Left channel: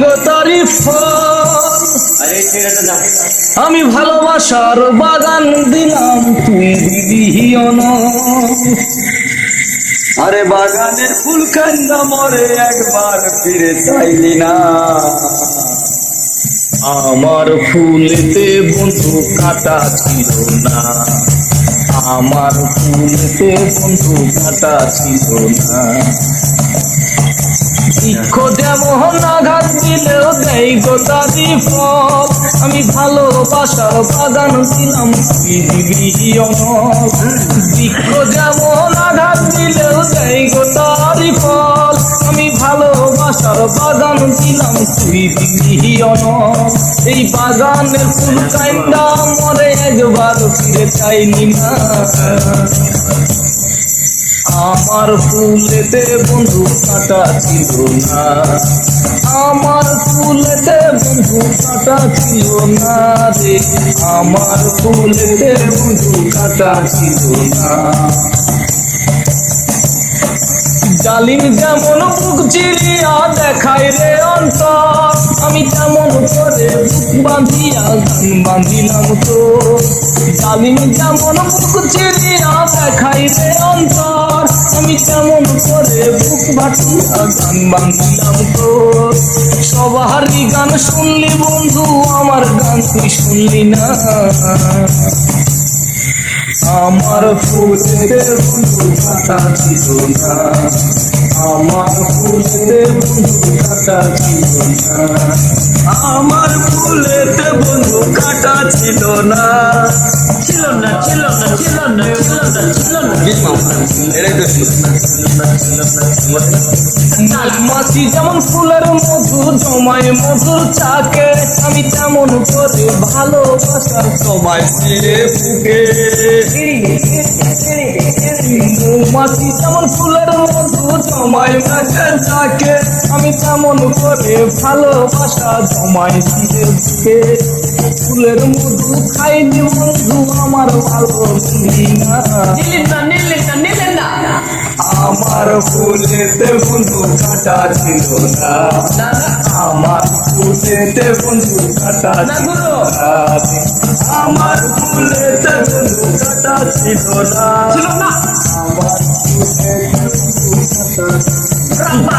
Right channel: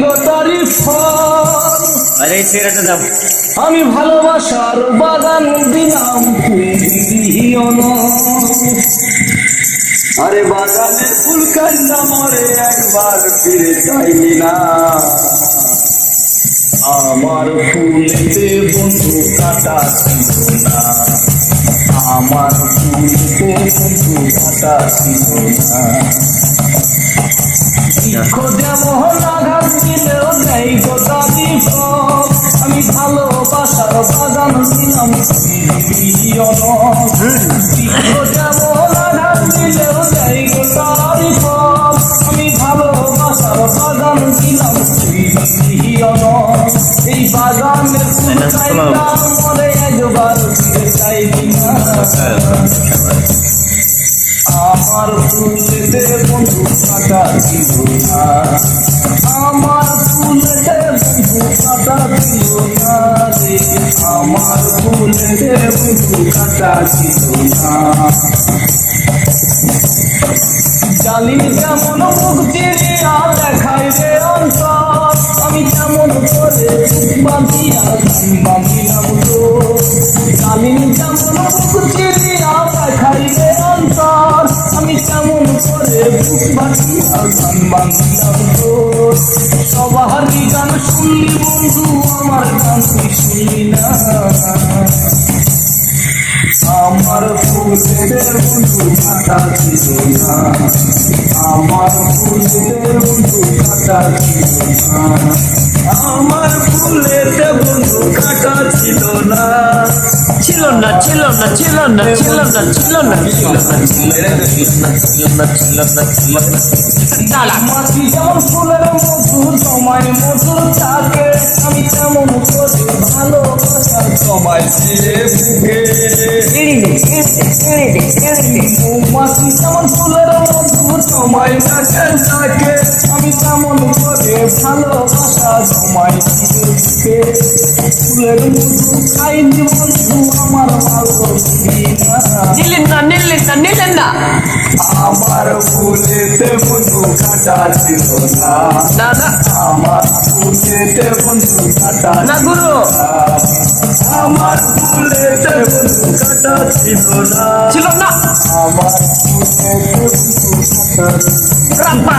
গো তারি ফল। আরে ছেড়েটা যাও। আমি ভালোবাসার বাগান দিলাম, তুই দিবি অনল। আরে বাগানের ফুল কান্না মরে, একবার ফিরে চাইলি না। আমার ফুলেতে বন্ধু কাটা ছিল না, আমার ফুলেতে বন্ধু কাটা ছিল না। বৃক্ষ যেমন আঘাত দিলেও দেয় গো তারি ফল। আমি ভালোবাসার বাগান দিলাম, তুই দিবি অনল। বৃক্ষ যেমন আঘাত দিলেও দেয় গো তারি ফল। আমি ভালোবাসার বাগান দিলাম, তুই দিবি অনল। এই বাগানের ফুল কাইন্দা মরে, একবার ফিরে চাইনি না। আমার ফুলেতে বন্ধু কাটা ছিল না, আমার ফুলেতে বন্ধু কাটা ছিল না রে, আমার ফুলেতে বন্ধু কাটা ছিল না। জালিম যেমন মুখ চিরিয়া দেখায় রে অন্তর, আমি তেমন করে বাঁধিয়া গান বাঁধিলাম তো। জালিম যেমন মুখ চিরিয়া দেখায় রে অন্তর, আমি তেমন করে বুক বাঁধিয়া গান বাঁধিলাম তো। সবারই গান শুনলি বন্ধু, আমার গান তুই শুনলি না। আমার ফুলেতে বন্ধু কাটা ছিল না, আমার ফুলেতে বন্ধু কাটা ছিল না, আমার ফুলেতে বন্ধু কাটা ছিল না। ছিল না, ছিল না, ছিল না, ছিল না, ছিল না, মাছি যেমন ফুলের মধু তোমায় মধুর থাকে, আমি তেমন করে ভালোবাসার তোমায় ফিরে বুকে। মৌমাছি যেমন ফুলের মধু তোমায় কাছে থাকে, আমি তেমন করে ভালোবাসা তোমায় ফিরে বুকে। ফুলের মধু খাইনি বন্ধু, আমার ভালো না। নিলেন না, নিলেন না, নিলেন না। আমার ফুলেতে বন্ধু কাটা ছিল না, না না, আমার ফুলেতে বন্ধু কাটা না ছিল গুরু, না, আমার ফুলেতে বন্ধু কাটা ছিল না, ছিল না। আমার ফুলেতে বন্ধু কাটা ছিল না। রাখবা।